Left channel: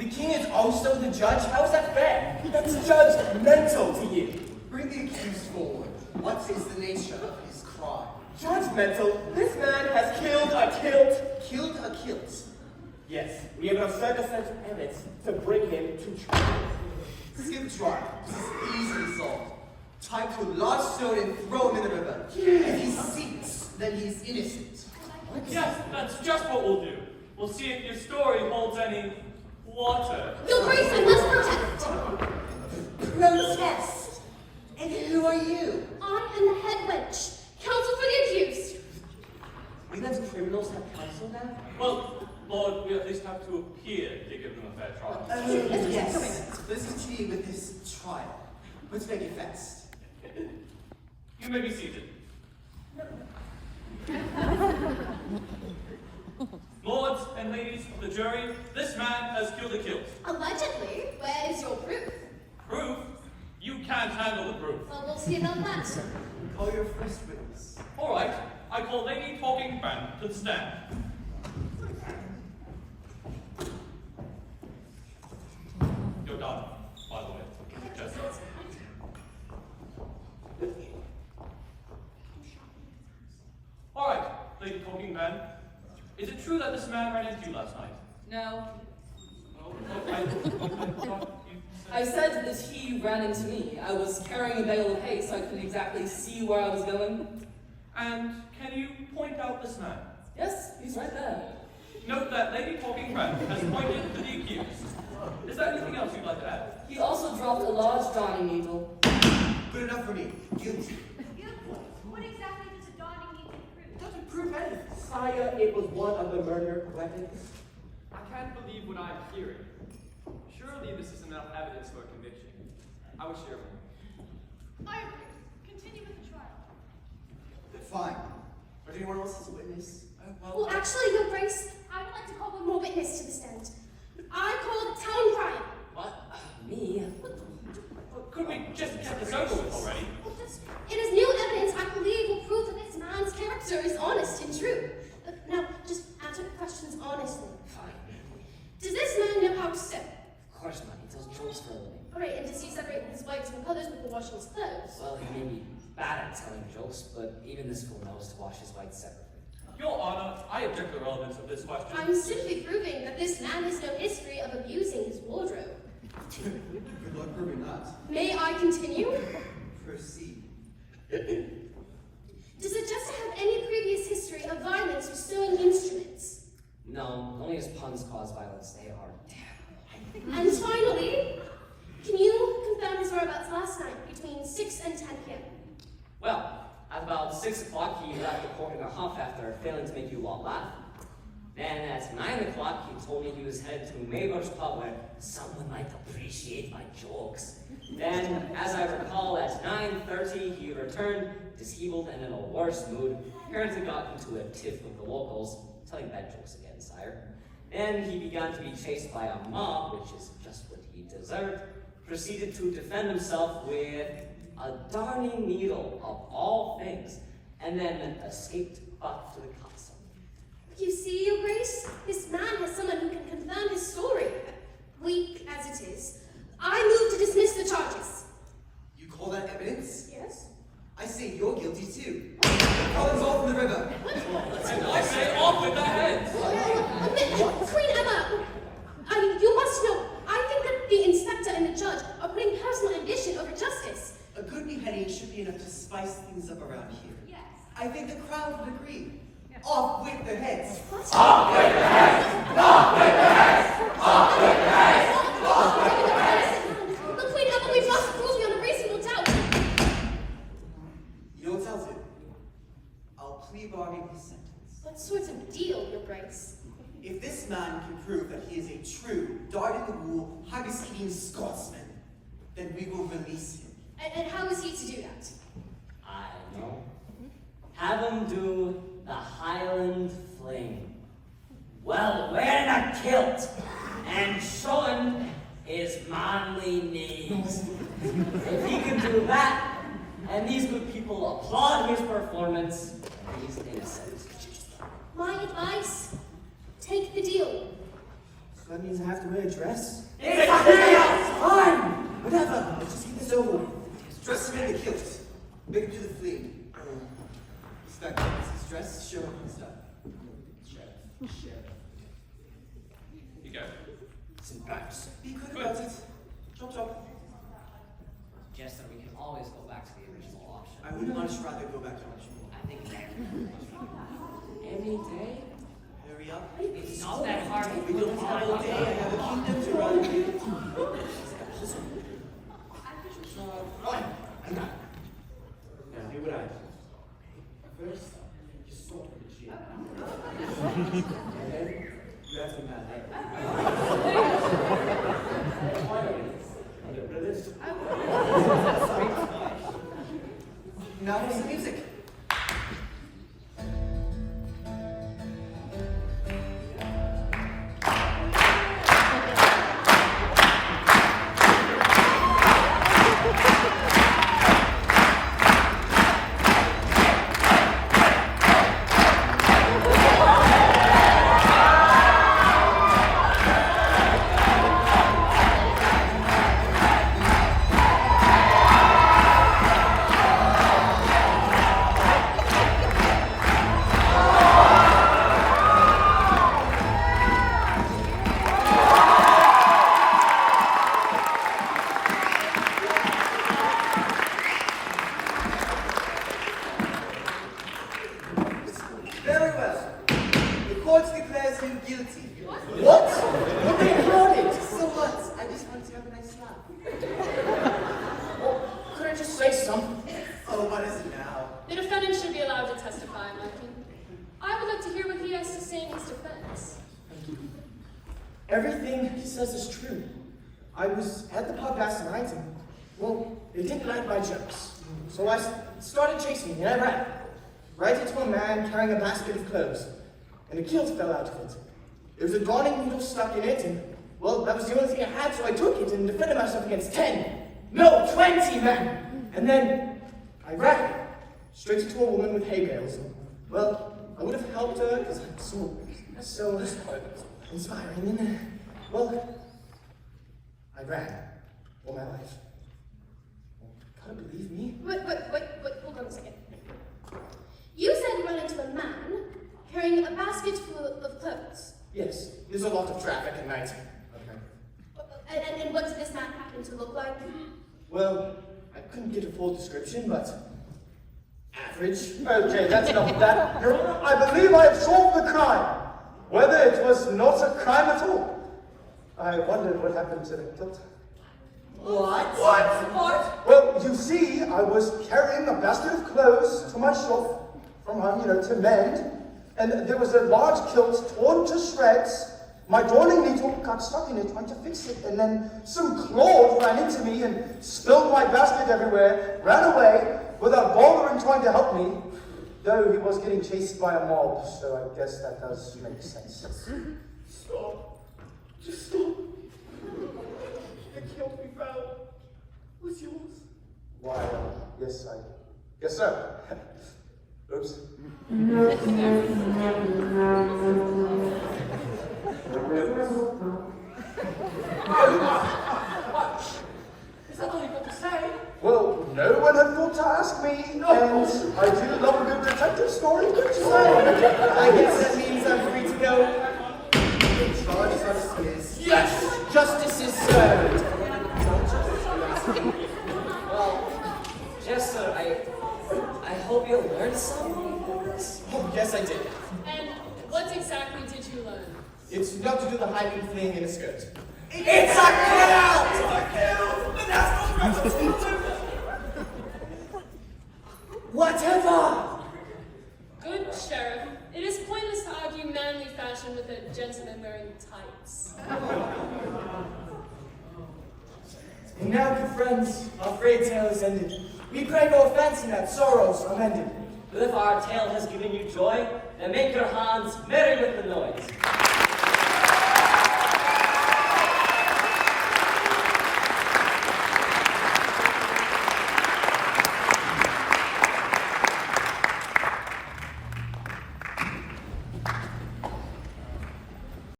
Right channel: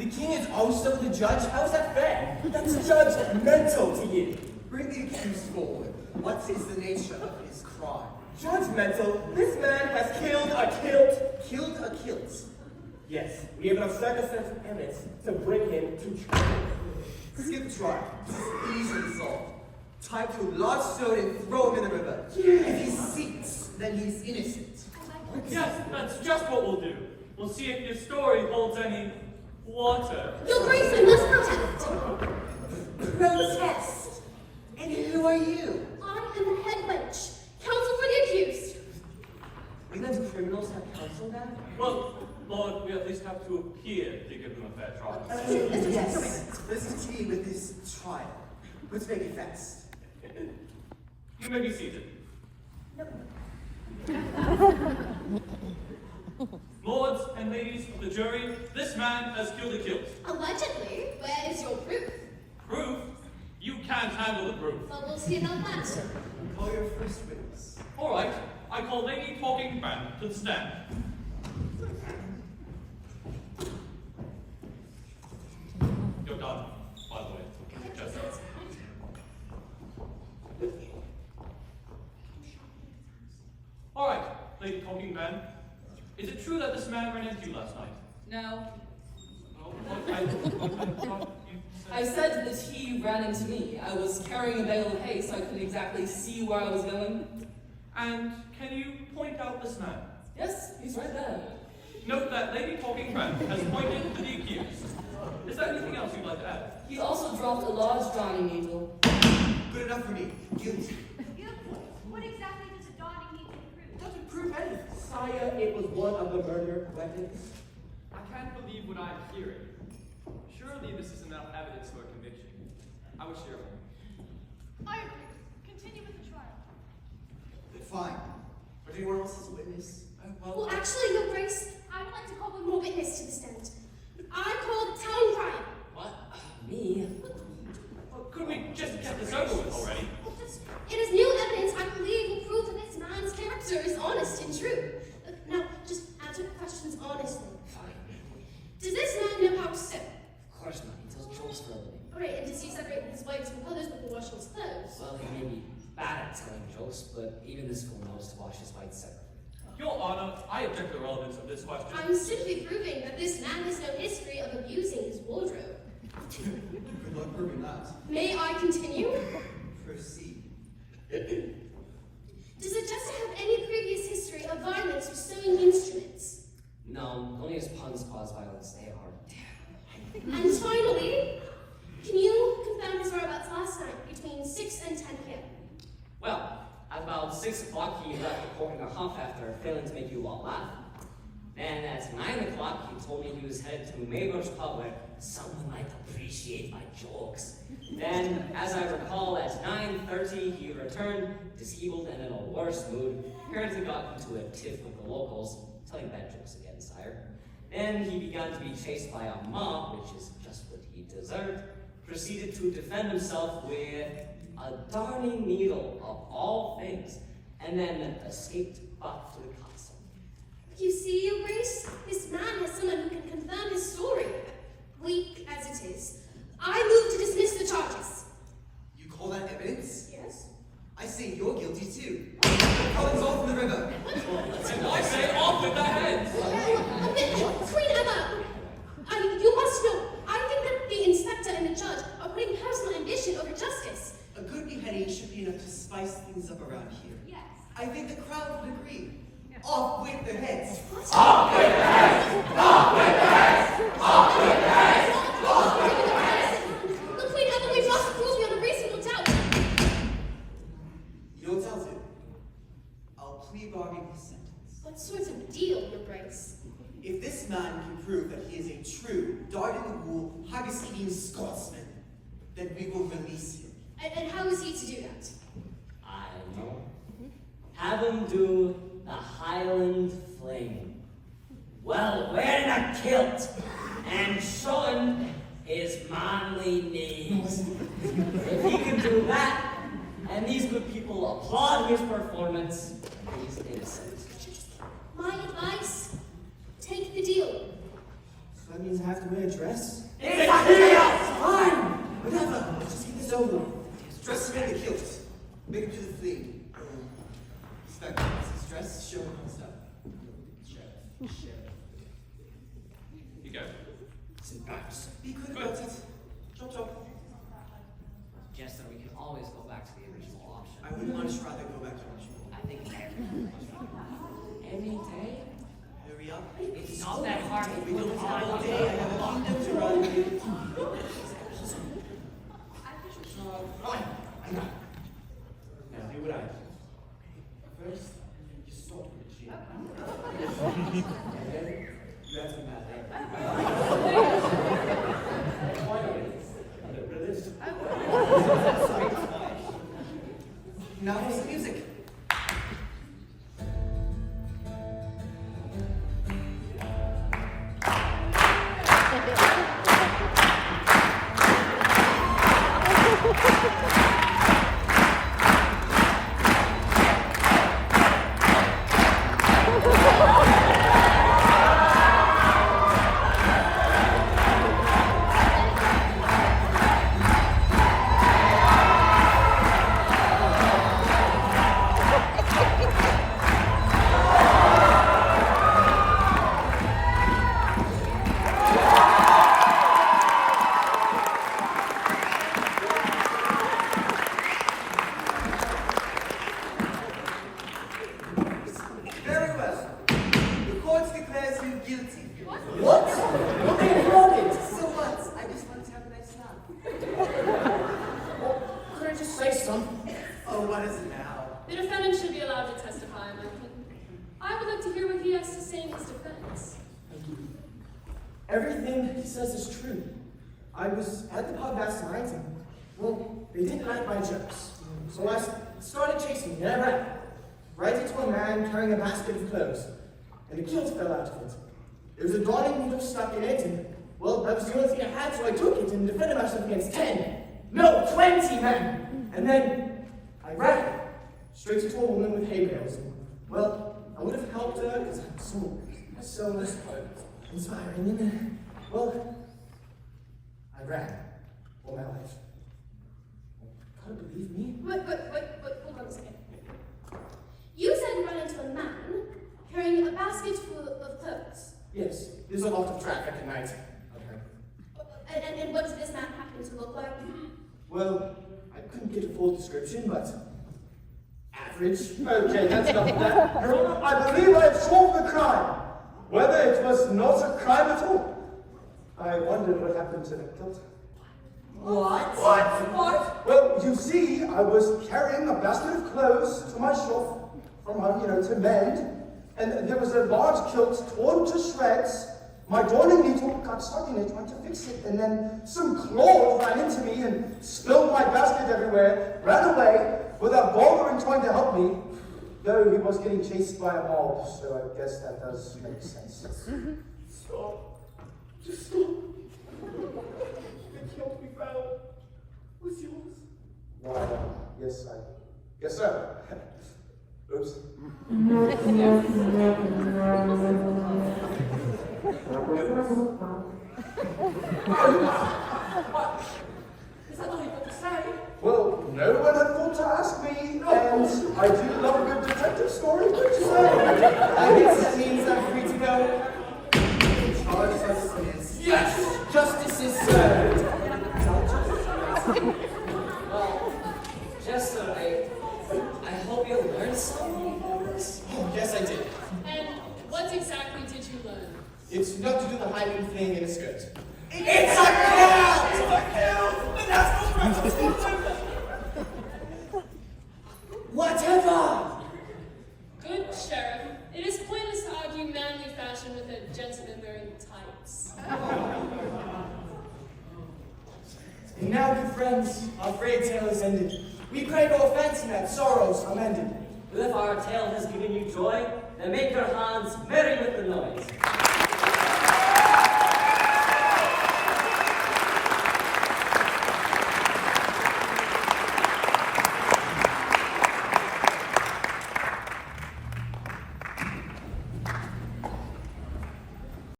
The king is also the judge? How is that fair? That's judgmental to you. Bring the accused forward. What is the nature of his crime? Judgmental? This man has killed a kilt. Killed a kilt. Yes, we have enough circumstantial evidence to bring him to trial. Skip trial. Easily solved. Tie to a large stone and throw him in the river. If he sinks, then he's innocent. Yes, that's just what we'll do. We'll see if your story holds any water. Your Grace, I must protest. Protest. And who are you? I am the head bench. Counsel for the accused. We let criminals have counsel now? Well, Lord, we at least have to appear to give them a fair trial. Yes. Let's continue with this trial. Let's make it fast. You may be seated. Lords and ladies of the jury, this man has killed a kilt. Allegedly. Where is your proof? Proof? You can't handle the proof. Well, we'll see about that. Call your first witness. All right, I call Lady Talking Fan to the stand. You're done, by the way. Just. All right, Lady Talking Man. Is it true that this man ran into you last night? No. Oh, I thought you I said that he ran into me. I was carrying a bale of hay, so I couldn't exactly see where I was going. And can you point out this man? Yes, he's right there. Note that Lady Talking Fan has pointed to the accused. Is there anything else you'd like to add? He also dropped a large darning needle. Good enough for me. Guilty. What exactly does a darning need to prove? It doesn't prove anything. Sire, it was one of the murder weapons. I can't believe what I'm hearing. Surely this is enough evidence for a conviction. I wish there were. I agree. Continue with the trial. Fine. Or anyone else as a witness? Well, actually, Your Grace, I would like to call one more witness to the stand. I call the town crier. What? Me? Well, couldn't we just get this over with already? It is new evidence I believe will prove that this man's character is honest and true. Now, just answer the questions honestly. Fine. Does this man know how to sew? Of course not. He tells jokes for a living. Great, and does he separate his whites from colors before washing his clothes? Well, he may be bad at telling jokes, but even this fool knows to wash his whites separately. Your Honor, I object to the relevance of this question. I'm simply proving that this man has no history of abusing his wardrobe. Good luck proving that. May I continue? Proceed. Does the jester have any previous history of violence or sewing instruments? No, only his puns cause violence. They are terrible. And finally, can you confirm his whereabouts last night between 6 and 10 p.m.? Well, at about 6 o'clock, he left the court in a huff after failing to make you all laugh. Then at 9 o'clock, he told me he was headed to Maybush pub where someone might appreciate my jokes. Then, as I recall, at 9:30, he returned, disheveled and in a worse mood. Apparently got into a tiff with the locals, telling bad jokes again, sire. Then he began to be chased by a mob, which is just what he deserved. Proceeded to defend himself with a darning needle of all things, and then escaped back to the castle. You see, Your Grace, this man has someone who can confirm his story. Weak as it is, I move to dismiss the charges. You call that evidence? Yes? I say you're guilty too. Collins off in the river. And I say off with the heads! Queen Emma, you must know, I think that the inspector and the judge are putting personal ambition over justice. A good beheading should be enough to spice things up around here. Yes. I think the crowd would agree. Off with their heads. Off with the heads! Off with the heads! Off with the heads! Off with the heads! Look, Queen Emma, we've lost the rules beyond a reasonable doubt. You don't doubt it. I'll plea bargain his sentence. What sort of deal, Your Grace? If this man can prove that he is a true, dyed-in-the-wool, haggis-eating Scotsman, then we will release him. And how is he to do that? I know. Have him do the Highland Fling. Well, wearing a kilt and showing his manly knees. If he can do that, and these good people applaud his performance, he's innocent. My advice, take the deal. So that means I have to wear a dress? It's a deal! Fine! Whatever, let's just get this over with. Dress him in the kilt. Make him do the fleeing. Inspector, this is dress, sheriff, and stuff. Sheriff. You go. It's embarrassing. Be quick about it. Chop chop. Jester, we can always go back to the original option. I would much rather go back to original. I think any day. Hurry up. It's not that hard. We don't have all day. I have a kingdom to run. Right, I got it. Now do what I do. First, you start with the chin. And then you have to mad Finally, a little bit of this. Now here's the music. Very well. The court declares you guilty. What? What are you recording? So what? I just want to have a nice laugh. Could I just say something? Oh, what is it now? The defendant should be allowed to testify, Malcolm. I would like to hear what he has to say in his defense. Everything he says is true. I was at the pub last night and, well, they didn't like my jokes. So I started chasing him and I ran right into a man carrying a basket of clothes. And the kilt fell out of it. There was a darning needle stuck in it and, well, that was the only thing I had, so I took it and defended myself against 10. No, 20 men! And then I ran straight into a woman with hay bales. And, well, I would have helped her because I'm so inspiring. And then, well, I ran all my life. Can't believe me. Wait, hold on a second. You said you ran into a man carrying a basket full of clothes. Yes, there's a lot of traffic at night. Okay. And what did this man happen to look like? Well, I couldn't get a full description, but average. Okay, that's enough of that. Your Honor, I believe I have solved the crime. Whether it was not a crime at all. I wondered what happened to the kilt. What? Well, you see, I was carrying a basket of clothes to my shop from home, to mend, and there was a large kilt torn to shreds. My darning needle got stuck in it, trying to fix it, and then some claws ran into me and spilled my basket everywhere, ran away without bothering trying to help me, though he was getting chased by a mob, so I guess that does make sense. Stop. Just stop. The kilt we found was yours. Why, yes, I guess so. Oops. What? Is that all you've got to say? Well, no one had thought to ask me, and I do love a good detective story, don't you say? I guess that means I'm free to go. Charges are dismissed. Yes, justice is served. Well, Jester, I hope you learned something from this. Oh, yes, I did. And what exactly did you learn? It's not to do the hiding thing in a skirt. It's a kilt! The national Whatever! Good sheriff. It is pointless to argue manly fashion with a gentleman wearing tights. And now, good friends, our frayed tale is ended. We pray no offense in that sorrows are mended. But if our tale has given you joy, then make your hands merry with the noise.